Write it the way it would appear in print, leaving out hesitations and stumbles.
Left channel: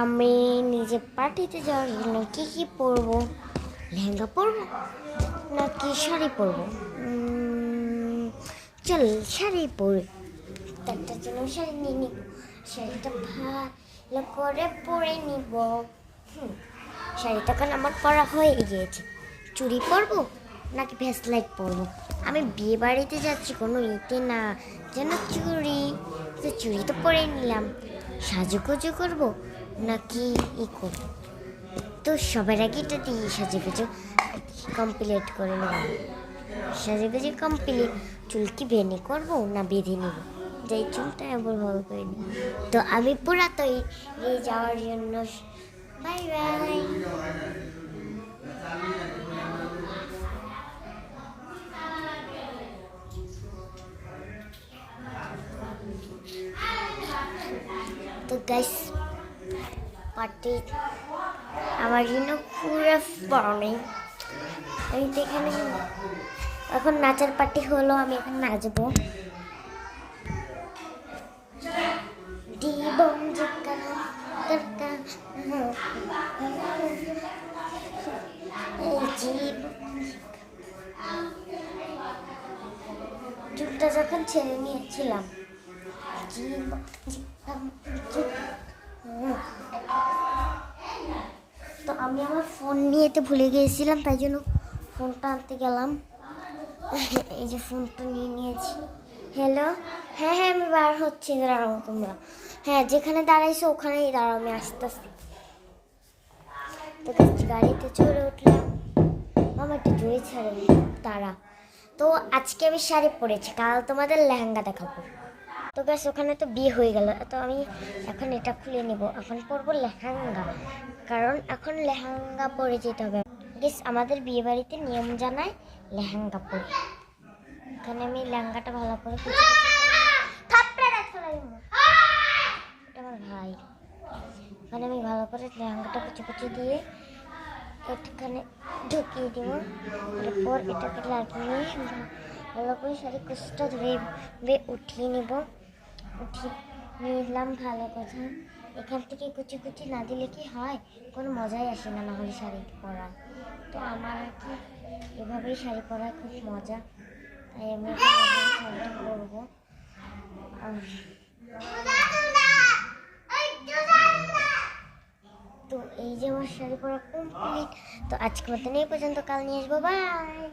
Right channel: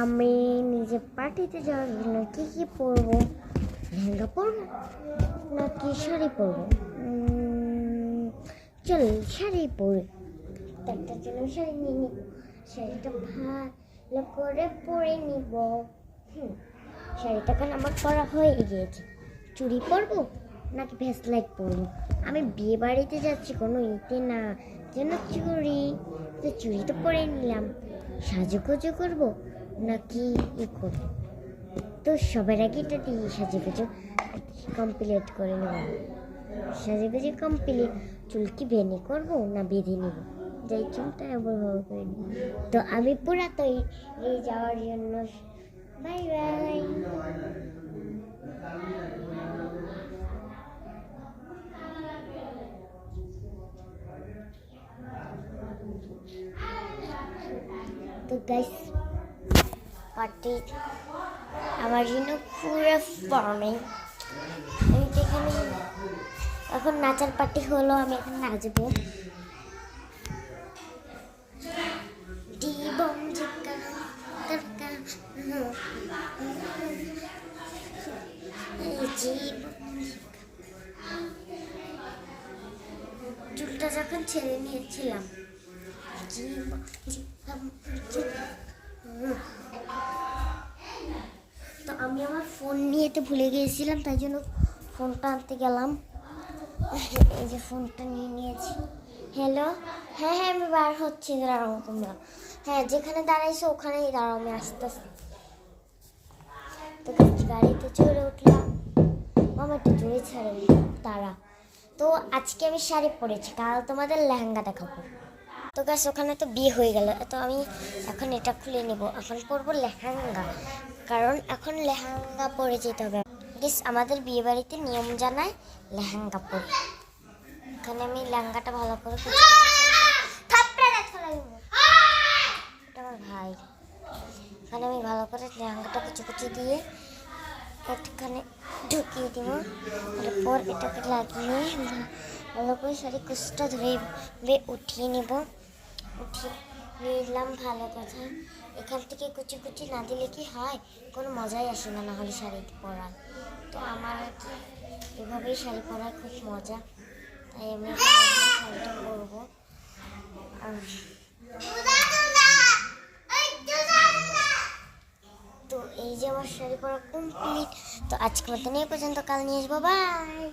আমি নিজে পার্টিতে যাওয়ার জন্য কী পরবো? লেহেঙ্গা পরবো নাকি শাড়ি পরবো? চল শাড়ি পরি। তার জন্য শাড়ি নিয়ে নিব, শাড়িটা ভালো করে পরে নিব। শাড়িটা কাল আমার পরা হয়ে গিয়েছে। চুড়ি পরবো নাকি ভেসলাইট পরবো? আমি বিয়ে বাড়িতে যাচ্ছি, কোনো ইতে না যেন চুড়ি। তো চুড়ি তো পরে নিলাম, সাজুগুজু করবো নাকি করবো? তো সবার আগে এটা দিয়ে সাজুগুজু কমপ্লিট করে নেব। সাজুগুজু কমপ্লিট। চুল কি ভেনি করবো না বেঁধে নেব? যাই চুলটা আবার ভালো করে নিই। তো আমি পুরা তৈরি যাওয়ার জন্য। Bye bye. তো গাইস, পার্টি আমার জন্য পুরো ফর্মে। আমি তো এখানে এখন নাচার পার্টি হলো, আমি এখন নাচবো। জীবন জীবকানো দরকার, চুলটা যখন ছেড়ে নিয়েছিলাম, তো আমি আমার ফোন নিয়ে তো ভুলে গিয়েছিলাম, তাই জন্য ফোনটা আনতে গেলাম। এই যে ফোনটা নিয়ে নিয়েছি। হ্যালো, হ্যাঁ আমি বার হচ্ছি, দাঁড়াও তোমরা। হ্যাঁ, যেখানে দাঁড়াইছো ওখানেই দাঁড়াও, আমি আসতেছি। তো গাড়িতে চড়ে উঠলাম। আমার একটু জোরে ছাড়ে তারা। তো আজকে আমি শাড়ি পরেছি, কাল তোমাদের লেহেঙ্গা দেখাবো। তো গাছ ওখানে তো বিয়ে হয়ে গেল, তো আমি এখন এটা খুলে নেব। এখন পরবো লেহেঙ্গা, কারণ এখন লেহেঙ্গা পরে যেতে হবে। গেস আমাদের বিয়ে বাড়িতে নিয়ম জানায় লেহেঙ্গা পরে। এখানে আমি লেহেঙ্গাটা ভালো করে আমার ভাই, এখানে আমি ভালো করে লেহেঙ্গাটা কুচি দিয়ে এখানে ঢুকিয়ে দিব। তারপর এটাকে লাগিয়ে ভালো করে শাড়ি কুচটা ধরে উঠিয়ে নেব। উঠিয়ে নিলাম, ভালো কথা। এখান থেকে কুচি না দিলে কি হয়, কোনো মজাই আসে না, হলে শাড়ি পরার। তো আমার আর কি এভাবেই শাড়ি পরার খুব মজা, তাই আমি শাড়িটা পরবো। তো এই যে আমার শাড়ি পরা কমপ্লিট। তো আজকের মতন এই পর্যন্ত, কাল নিয়ে আসবো। বাই।